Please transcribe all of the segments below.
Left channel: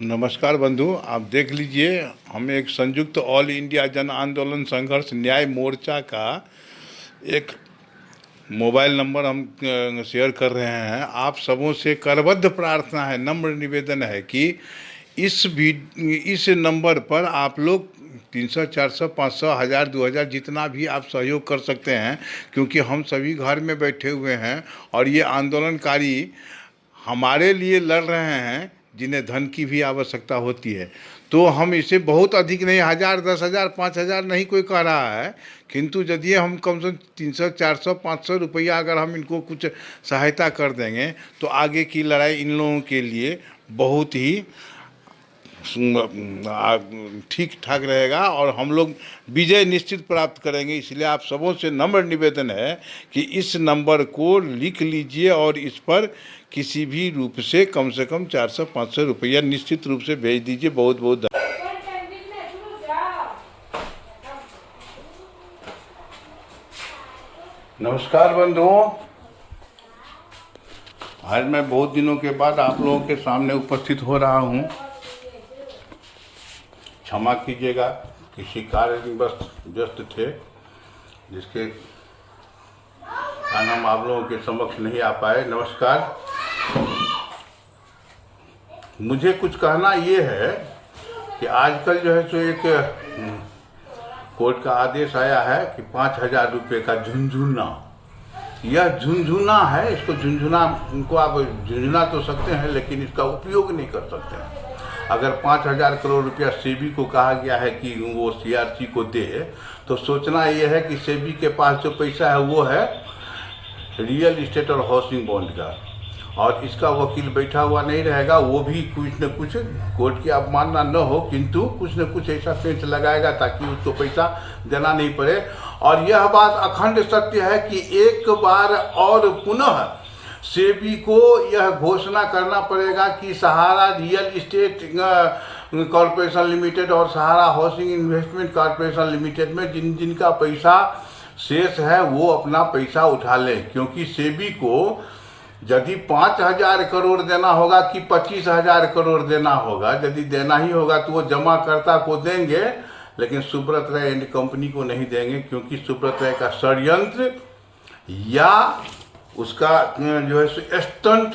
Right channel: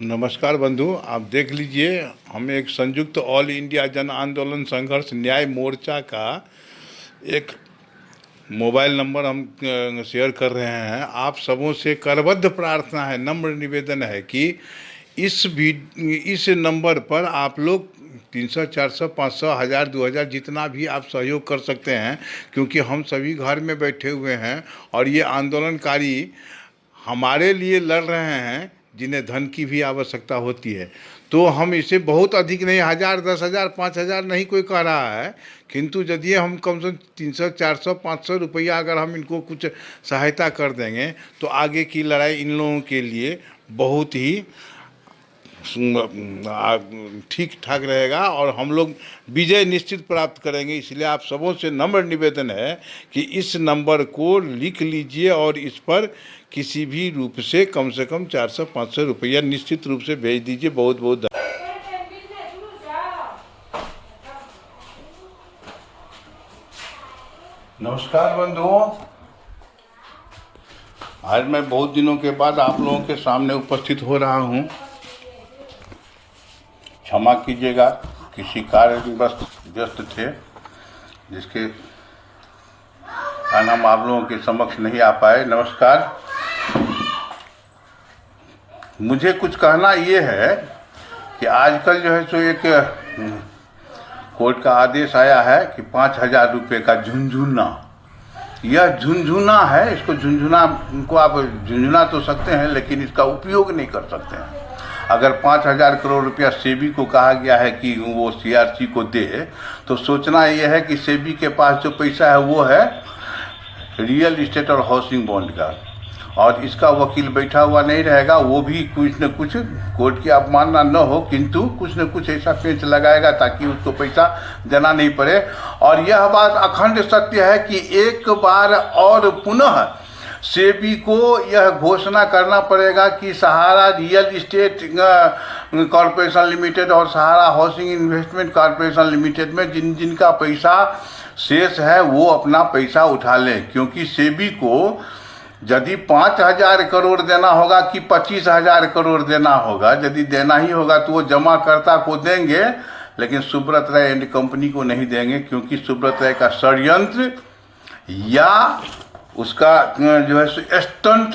नमस्कार बंधु, आप देख लीजिए। हम एक संयुक्त ऑल इंडिया जन आंदोलन संघर्ष न्याय मोर्चा का एक मोबाइल नंबर हम शेयर कर रहे हैं। आप सबों से करबद्ध प्रार्थना है, नम्र निवेदन है कि इस नंबर पर आप लोग 300, 400, 500, 1000, 2000 जितना भी आप सहयोग कर सकते हैं, क्योंकि हम सभी घर में बैठे हुए हैं और ये आंदोलनकारी हमारे लिए लड़ रहे हैं जिन्हें धन की भी आवश्यकता होती है। तो हम इसे बहुत अधिक नहीं, 1000, 10,000, 5,000 नहीं कोई कह रहा है, किंतु यदि हम कम से कम 300, 400, 500 रुपया अगर हम इनको कुछ सहायता कर देंगे तो आगे की लड़ाई इन लोगों के लिए बहुत ही ठीक ठाक रहेगा और हम लोग विजय निश्चित प्राप्त करेंगे। इसलिए आप सबों से नम्र निवेदन है कि इस नंबर को लिख लीजिए और इस पर किसी भी रूप से कम 400-500 रुपया निश्चित रूप से भेज दीजिए। बहुत बहुत नमस्कार बंधुओं, आज मैं बहुत दिनों के बाद आप लोगों के सामने उपस्थित हो रहा हूँ। क्षमा कीजिएगा, किसी कार्य में बस व्यस्त थे जिसके कारण हम आप लोगों के समक्ष नहीं आ पाए। नमस्कार। मुझे कुछ कहना ये है कि आजकल जो है सो एक कोर्ट का आदेश आया है कि 5,000 रुपये का झुनझुना, यह झुनझुना है। इसको झुनझुना को आप झुनझुना तो सकते हैं लेकिन इसका उपयोग नहीं कर सकते हैं। अगर 5,000 करोड़ रुपया सेबी को कहा गया है कि वो सीआरसी को दे, तो सोचना ये है कि सेबी के पास जो पैसा है वो है रियल इस्टेट और हाउसिंग बॉन्ड का, और इसका वकील बैठा हुआ नहीं रहेगा। वो भी कुछ न कुछ कोर्ट की अवमानना न हो, किंतु कुछ न कुछ ऐसा पेंच लगाएगा ताकि उसको पैसा देना नहीं पड़े। और यह बात अखंड सत्य है कि एक बार और पुनः सेबी को यह घोषणा करना पड़ेगा कि सहारा रियल इस्टेट कॉरपोरेशन लिमिटेड और सहारा हाउसिंग इन्वेस्टमेंट कॉरपोरेशन लिमिटेड में जिनका पैसा शेष है वो अपना पैसा उठा लें। क्योंकि सेबी को यदि 5,000 करोड़ देना होगा कि 25,000 करोड़ देना होगा, यदि देना ही होगा तो वो जमाकर्ता को देंगे, लेकिन सुब्रत राय एंड कंपनी को नहीं देंगे। क्योंकि सुब्रत राय का षड्यंत्र या उसका जो है स्टंट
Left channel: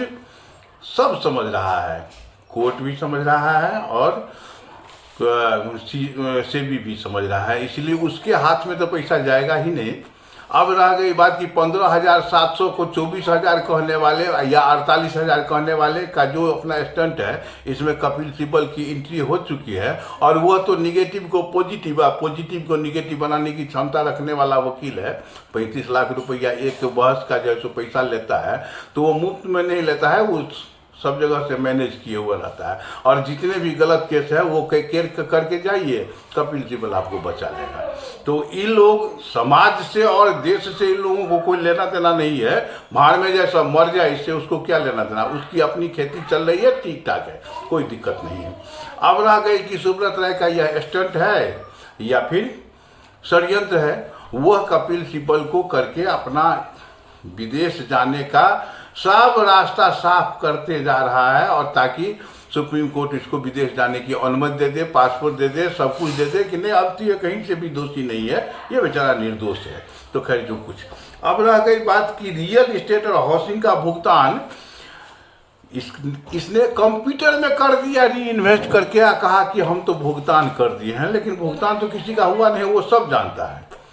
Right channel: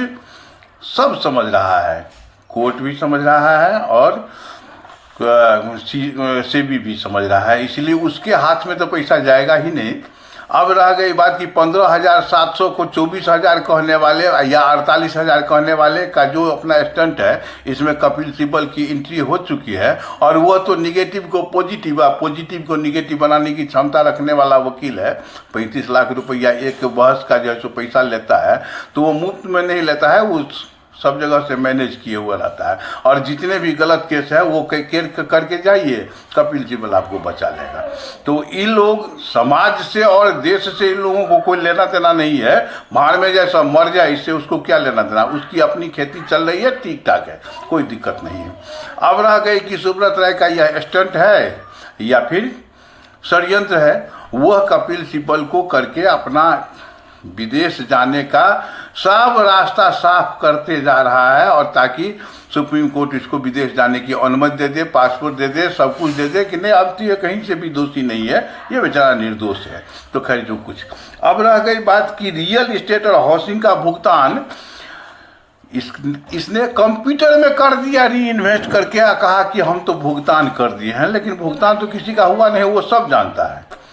सब समझ रहा है, कोर्ट भी समझ रहा है और सेबी भी समझ रहा है। इसलिए उसके हाथ में तो पैसा जाएगा ही नहीं। अब रह गई बात कि 15,700 को 24,000 कहने वाले या 48,000 कहने वाले का जो अपना स्टंट है, इसमें कपिल सिब्बल की एंट्री हो चुकी है और वह तो निगेटिव को पॉजिटिव या पॉजिटिव को निगेटिव बनाने की क्षमता रखने वाला वकील है। 35 लाख रुपया एक बहस का जो है सो पैसा लेता है, तो वो मुफ्त में नहीं लेता है, वो सब जगह से मैनेज किए हुआ रहता है। और जितने भी गलत केस है वो करके जाइए, कपिल सिब्बल आपको बचा लेगा। तो इन लोग समाज से और देश से इन लोगों को कोई लेना देना नहीं है। भाड़ में जैसा मर जाए, इससे उसको क्या लेना देना, उसकी अपनी खेती चल रही है, ठीक ठाक है, कोई दिक्कत नहीं है। अब रह गई कि सुब्रत राय का यह स्टंट है या फिर षड्यंत्र है, वह कपिल सिब्बल को करके अपना विदेश जाने का सब रास्ता साफ करते जा रहा है, और ताकि सुप्रीम कोर्ट इसको विदेश जाने की अनुमति दे दे, पासपोर्ट दे दे, सब कुछ दे दे कि नहीं अब तो ये कहीं से भी दोषी नहीं है, ये बेचारा निर्दोष है। तो खैर जो कुछ, अब रह गई बात कि रियल इस्टेट और हाउसिंग का भुगतान इसने कंप्यूटर में कर दिया, री इन्वेस्ट करके कहा कि हम तो भुगतान कर दिए हैं, लेकिन भुगतान तो किसी का हुआ नहीं, वो सब जानता है।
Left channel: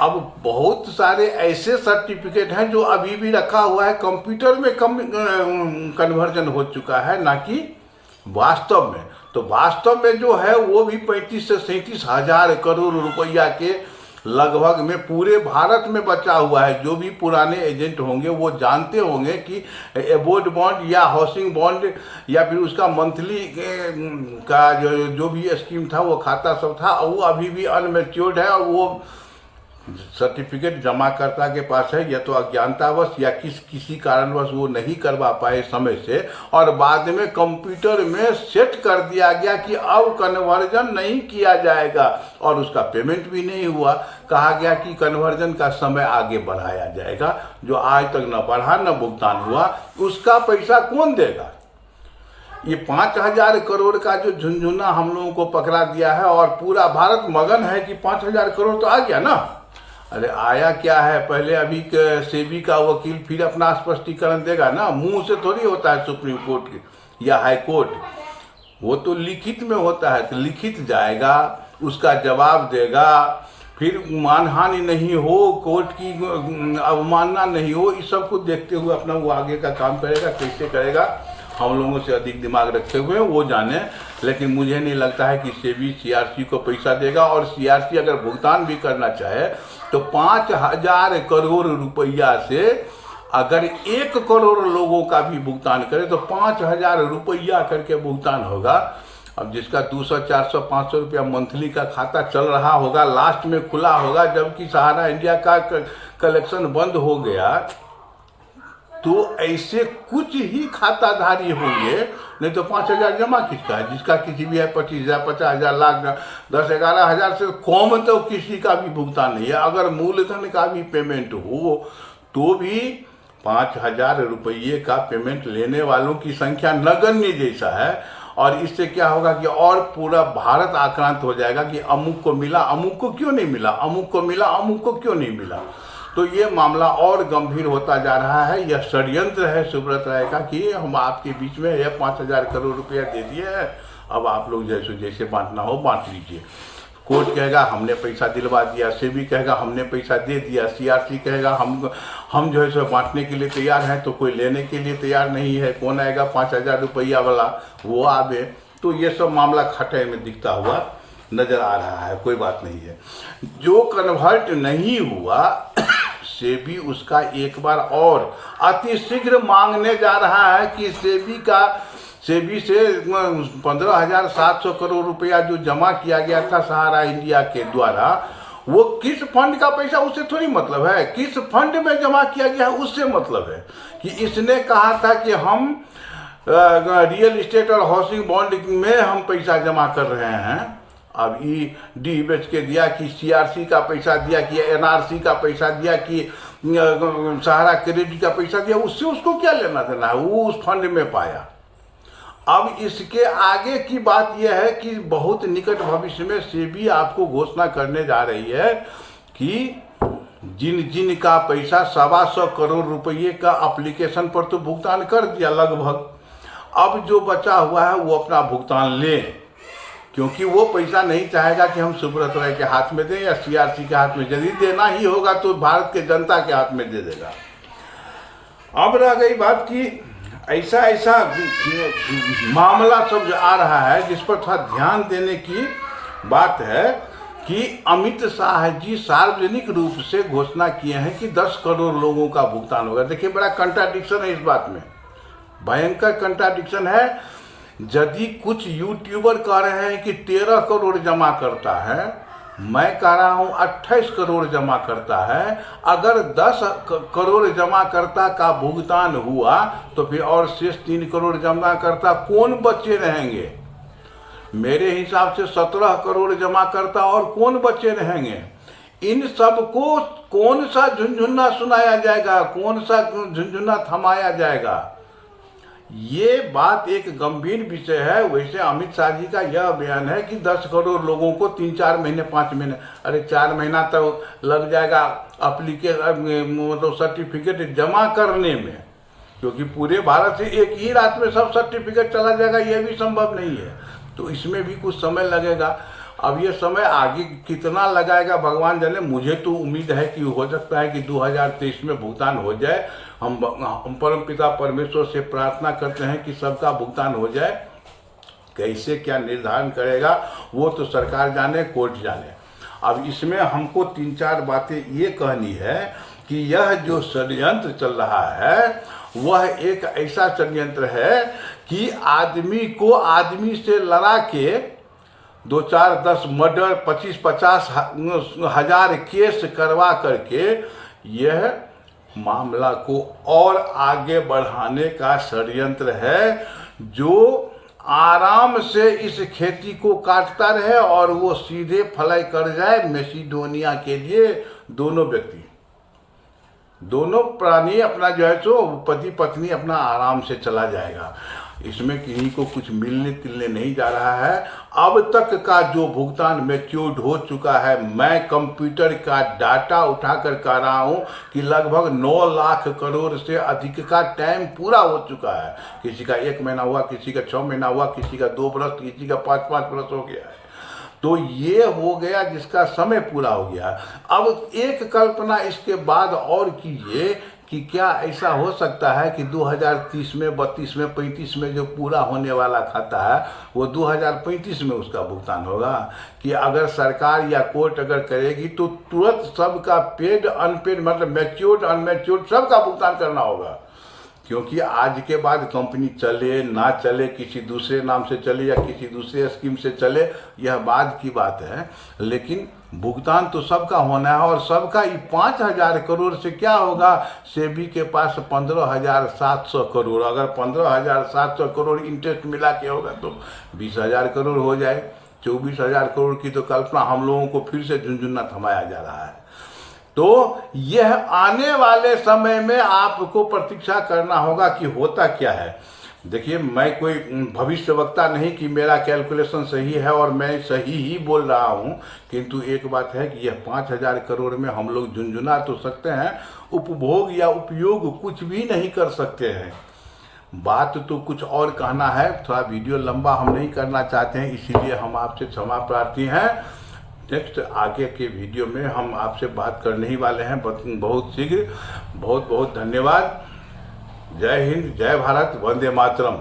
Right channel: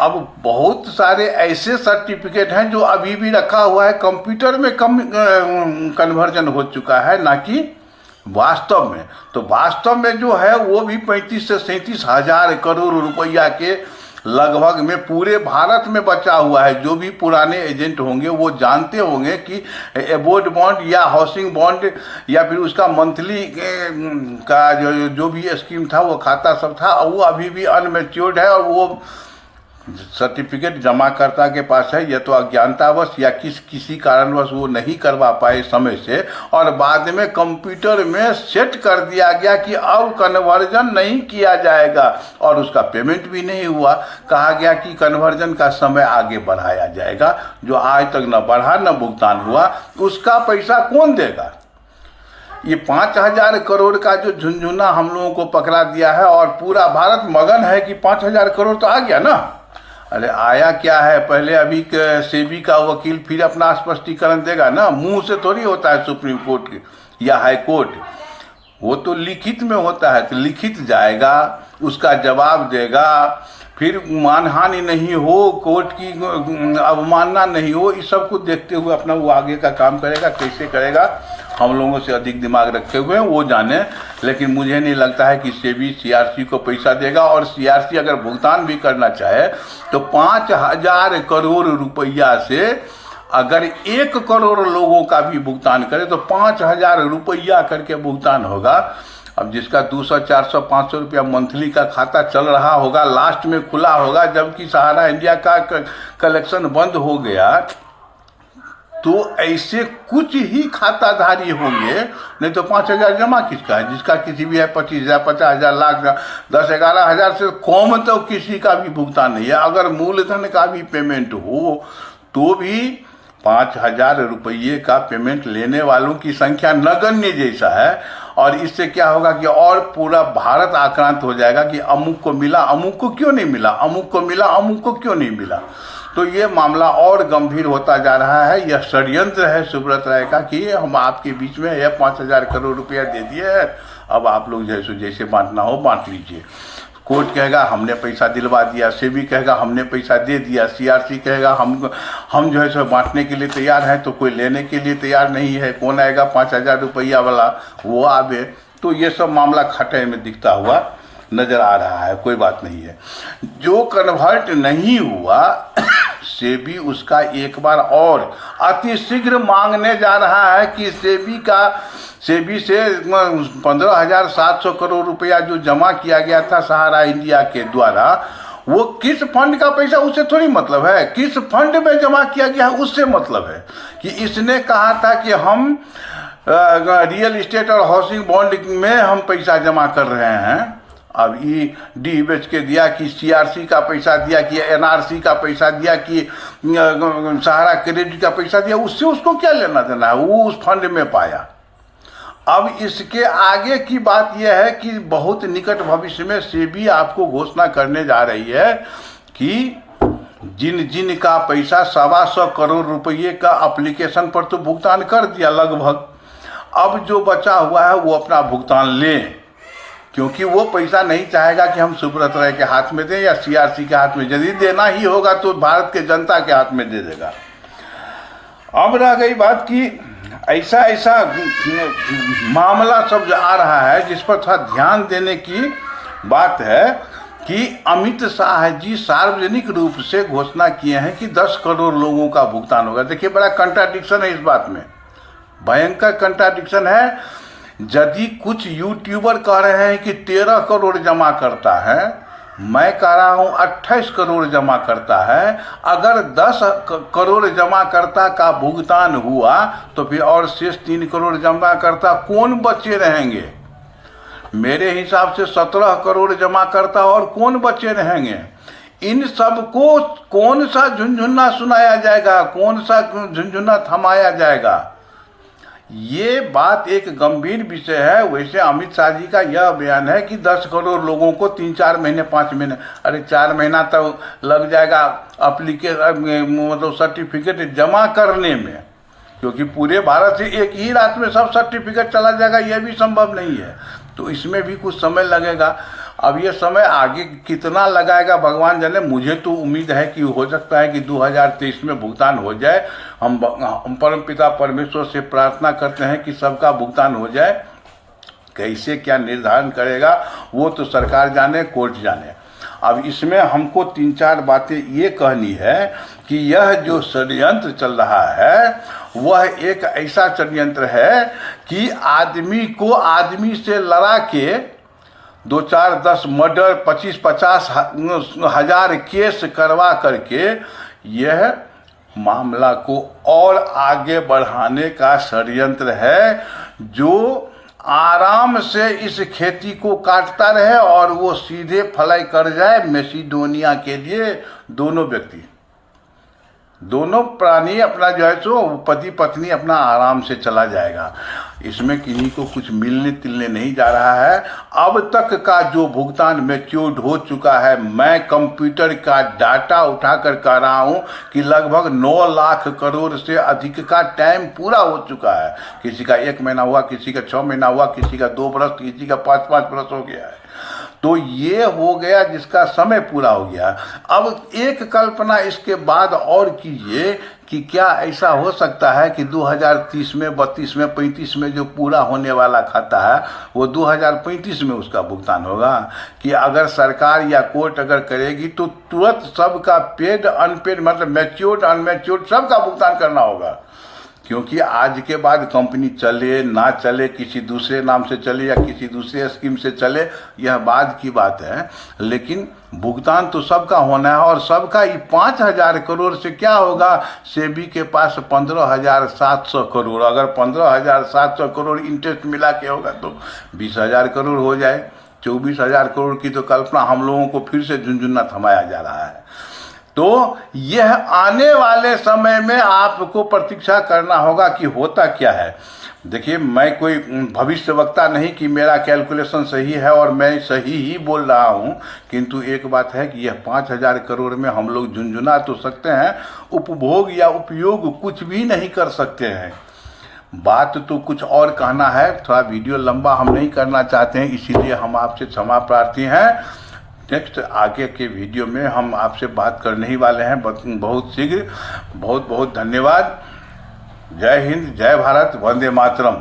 अब बहुत सारे ऐसे सर्टिफिकेट हैं जो अभी भी रखा हुआ है, कंप्यूटर में कन्वर्जन हो चुका है, ना कि वास्तव में। तो वास्तव में जो है वो भी 35 से 37,000 करोड़ रुपया के लगभग में पूरे भारत में बचा हुआ है। जो भी पुराने एजेंट होंगे वो जानते होंगे कि एबोर्ड बॉन्ड या हाउसिंग बॉन्ड या फिर उसका मंथली का जो भी स्कीम था, वो खाता सब था, वो अभी भी अनमेच्योर्ड है और वो सर्टिफिकेट जमाकर्ता के पास है। या तो अज्ञानतावश या किसी कारणवश वो नहीं करवा पाए समय से, और बाद में कंप्यूटर में सेट कर दिया गया कि अब कन्वर्जन नहीं किया जाएगा, और उसका पेमेंट भी नहीं हुआ। कहा गया कि कन्वर्जन का समय आगे बढ़ाया जाएगा, जो आज तक न बढ़ा न भुगतान हुआ। उसका पैसा कौन देगा? ये 5,000 करोड़ का जो झुनझुना हम लोगों को पकड़ा दिया है और पूरा भारत मगन है कि 5,000 करोड़ तो आ गया ना। अरे आया क्या है, पहले अभी सेबी का वकील फिर अपना स्पष्टीकरण देगा ना, मुंह से थोड़ी होता है सुप्रीम कोर्ट या हाई कोर्ट, वो तो लिखित में होता है। तो लिखित जाएगा, उसका जवाब देगा, फिर मानहानि नहीं हो, कोर्ट की अवमानना नहीं हो, इस सब को देखते हुए अपना वो आगे का काम करेगा। कैसे करेगा, हम लोगों से अधिक दिमाग रखे हुए हैं वो जाने। लेकिन मुझे नहीं लगता है कि सेबी सीआरसी को पैसा देगा, और सीआरसी अगर भुगतान भी करना चाहे तो 5,000 करोड़ रुपया से अगर 1 करोड़ लोगों का भी भुगतान करे तो 5,000 रुपया करके भुगतान होगा। अब जिसका 200, 400, 500 रुपया मंथली का खाता चल रहा होगा, लास्ट में खुला होगा, जबकि सहारा इंडिया का कलेक्शन बंद हो गया, तो ऐसे कुछ ही खाताधारी होंगे। नहीं तो 5,000 जमा किसका है, जिसका किसी भी है 25,000, 50,000, लाख, 10-11 से कम तो किसी का भी भुगतान नहीं है। अगर मूलधन का भी पेमेंट हो तो भी 5,000 रुपये का पेमेंट लेने वालों की संख्या नगण्य जैसा है। और इससे क्या होगा कि और पूरा भारत आक्रांत हो जाएगा कि अमुक को मिला, अमुक को क्यों नहीं मिला, अमुक को मिला, अमुक को क्यों नहीं मिला। तो ये मामला और गंभीर होता जा रहा है। यह षड्यंत्र है सुब्रत राय का कि हम आपके बीच में यह 5,000 करोड़ रुपया दे दिए है, अब आप लोग जैसे बांटना हो बांट लीजिए। कोर्ट कहेगा हमने पैसा दिलवा दिया, सेबी कहेगा हमने पैसा दे दिया, सीआरसी कहेगा हम जो है सो बांटने के लिए तैयार हैं, तो कोई लेने के लिए तैयार नहीं है। कौन आएगा 5,000 रुपया वाला, वो आवे। तो ये सब मामला खटे में दिखता हुआ नजर आ रहा है, कोई बात नहीं है। जो कन्वर्ट नहीं हुआ सेबी उसका एक बार और अतिशीघ्र मांगने जा रहा है कि सेबी से 15,700 करोड़ रुपया जो जमा किया गया था सहारा इंडिया के द्वारा, वो किस फंड का पैसा उससे थोड़ी मतलब है, किस फंड में जमा किया गया है उससे मतलब है। कि इसने कहा था कि हम रियल इस्टेट और हाउसिंग बॉन्ड में हम पैसा जमा कर रहे हैं, अब डी बेच के दिया, कि सीआरसी का पैसा दिया, कि एनआरसी का पैसा दिया, कि सहारा क्रेडिट का पैसा दिया, उससे उसको क्या लेना देना है, वो उस फंड में पाया। अब इसके आगे की बात यह है कि बहुत निकट भविष्य में सेबी आपको घोषणा करने जा रही है कि जिन का पैसा 125 करोड़ रुपये का एप्लीकेशन पर तो भुगतान कर दिया लगभग, अब जो बचा हुआ है वो अपना भुगतान लें, क्योंकि वो पैसा नहीं चाहेगा कि हम सुब्रत राय के हाथ में दें या सीआरसी के हाथ में। यदि देना ही होगा तो भारत के जनता के हाथ में दे देगा। अब रह गई बात कि ऐसा मामला सब जो आ रहा है जिस पर थोड़ा ध्यान देने की बात है कि अमित शाह जी सार्वजनिक रूप से घोषणा किए हैं कि 10 करोड़ लोगों का भुगतान होगा। देखिए बड़ा कंट्राडिक्शन है इस बात में, भयंकर कंट्राडिक्शन है। यदि कुछ यूट्यूबर कह रहे हैं कि 13 करोड़ जमा करता है, मैं कह रहा हूं 28 करोड़ जमा करता है। अगर 10 करोड़ जमा करता का भुगतान हुआ तो फिर और शेष 3 करोड़ जमा करता कौन बचे रहेंगे? मेरे हिसाब से 17 करोड़ जमा करता और कौन बचे रहेंगे? इन सब को कौन सा झुनझुना सुनाया जाएगा, कौन सा झुनझुना थमाया जाएगा? ये बात एक गंभीर विषय है। वैसे अमित शाह जी का यह बयान है कि 10 करोड़ लोगों को 3-4 महीने 5 महीने, अरे 4 महीना तो लग जाएगा मतलब सर्टिफिकेट जमा करने में, क्योंकि पूरे भारत से एक ही रात में सब सर्टिफिकेट चला जाएगा यह भी संभव नहीं है। तो इसमें भी कुछ समय लगेगा। अब ये समय आगे कितना लगाएगा भगवान जाने। मुझे तो उम्मीद है कि हो सकता है कि 2023 में भुगतान हो जाए। हम परमपिता परमेश्वर से प्रार्थना करते हैं कि सबका भुगतान हो जाए। कैसे क्या निर्धारण करेगा वो तो सरकार जाने, कोर्ट जाने। अब इसमें हमको 3-4 बातें ये कहनी है कि यह जो षड्यंत्र चल रहा है वह एक ऐसा षड्यंत्र है कि आदमी को आदमी से लड़ा के 2-4-10 मर्डर 25-50 हजार केस करवा करके यह मामला को और आगे बढ़ाने का षड्यंत्र है, जो आराम से इस खेती को काटता रहे और वो सीधे फ्लाई कर जाए मैसिडोनिया के लिए। दोनों व्यक्ति, दोनों प्राणी अपना जो है सो पति पत्नी अपना आराम से चला जाएगा। इसमें किन्हीं को कुछ मिलने तिलने नहीं जा रहा है। अब तक का जो भुगतान मैच्योर्ड हो चुका है, मैं कंप्यूटर का डाटा उठाकर कह रहा हूं कि लगभग 9 लाख करोड़ से अधिक का टाइम पूरा हो चुका है। किसी का 1 महीना हुआ, किसी का 6 महीना हुआ, किसी का 2 बरस, किसी का 5-5 बरस हो गया है। तो ये हो गया जिसका समय पूरा हो गया। अब एक कल्पना इसके बाद और कीजिए कि क्या ऐसा हो सकता है कि 2030 में, 32 में, 35 में जो पूरा होने वाला खाता है वो 2035 में उसका भुगतान होगा? कि अगर सरकार या कोर्ट अगर करेगी तो तुरंत सबका पेड अनपेड, मतलब मैच्योर्ड अनमैच्योर्ड सबका भुगतान करना होगा। क्योंकि आज के बाद कंपनी चले ना चले, किसी दूसरे नाम से चले या किसी दूसरे स्कीम से चले, यह बाद की बात है, लेकिन भुगतान तो सबका होना है। और सबका ही 5,000 करोड़ से क्या होगा? सेबी के पास 15,700 करोड़, अगर 15,700 करोड़ इंटरेस्ट मिला के होगा तो 20,000 करोड़ हो जाए। 24,000 करोड़ की तो कल्पना हम लोगों को फिर से झुनझुना थमाया जा रहा है। तो यह आने वाले समय में आपको प्रतीक्षा करना होगा कि होता क्या है। देखिए, मैं कोई भविष्यवक्ता नहीं कि मेरा कैलकुलेशन सही है और मैं सही ही बोल रहा हूँ, किंतु एक बात है कि यह 5,000 करोड़ में हम लोग झुनझुना तो सकते हैं, उपभोग या उपयोग कुछ भी नहीं कर सकते हैं। बात तो कुछ और कहना है, थोड़ा वीडियो लंबा हम नहीं करना चाहते हैं, इसीलिए हम आपसे क्षमा प्रार्थी हैं। नेक्स्ट आगे के वीडियो में हम आपसे बात करने ही वाले हैं बहुत शीघ्र। बहुत बहुत धन्यवाद। जय हिंद, जय भारत, वंदे मातरम।